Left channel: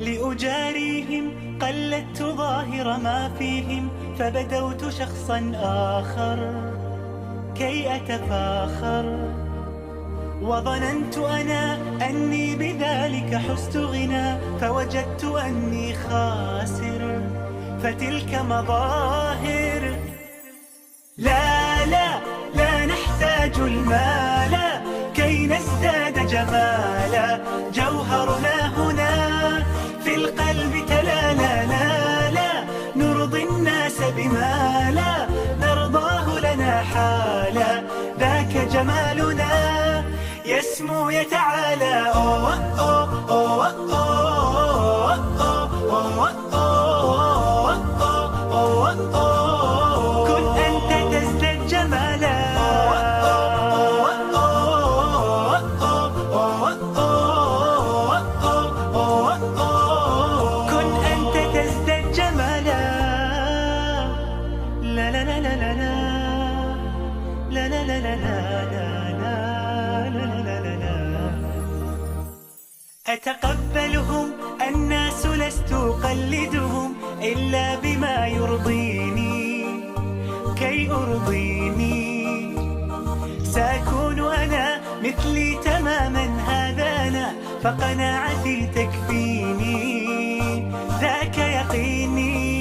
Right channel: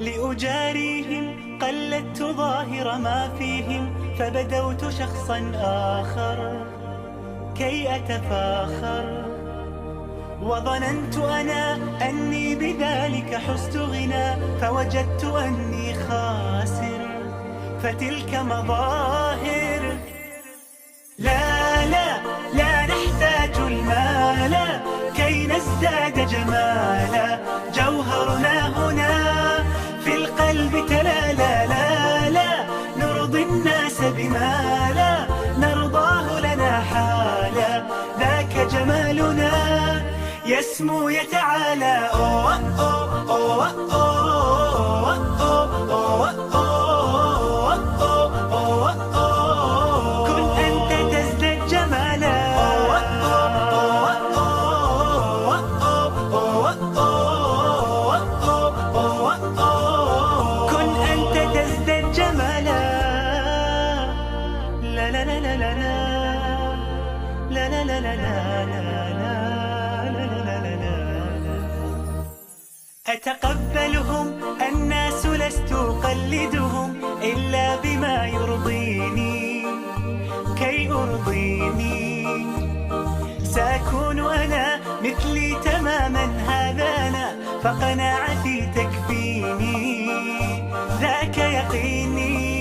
لأجاريهم قلدت ظاهر ما فيهم، فبدوت شخصا آخر كي أتفاخر، وظننت أنا أني بذلك حزت غنى، فوجدت أني خاسر، فتلك مظاهر. لا لا لا نحتاج المال كي نزداد جمالا، جوهرنا هنا في القلب تلالا. لا لا نرضي الناس بما لا نرضاه لنا حالا، ذاك جمالنا يسمو يتعالى. أوه أوه أوه أوه أوه أوه أوه، كن أنت تزداد جمالا. كن أنت تزداد جمالا. لا لا لا لا لا لا لا لا لا لا. أتقبلهم الناس لست أقلدهم إلا بما يرضيني كي أرضيني، سأكون أنا مثلي تماما، هذا أنا فقناعتي تكفيني، ذاك يقيني.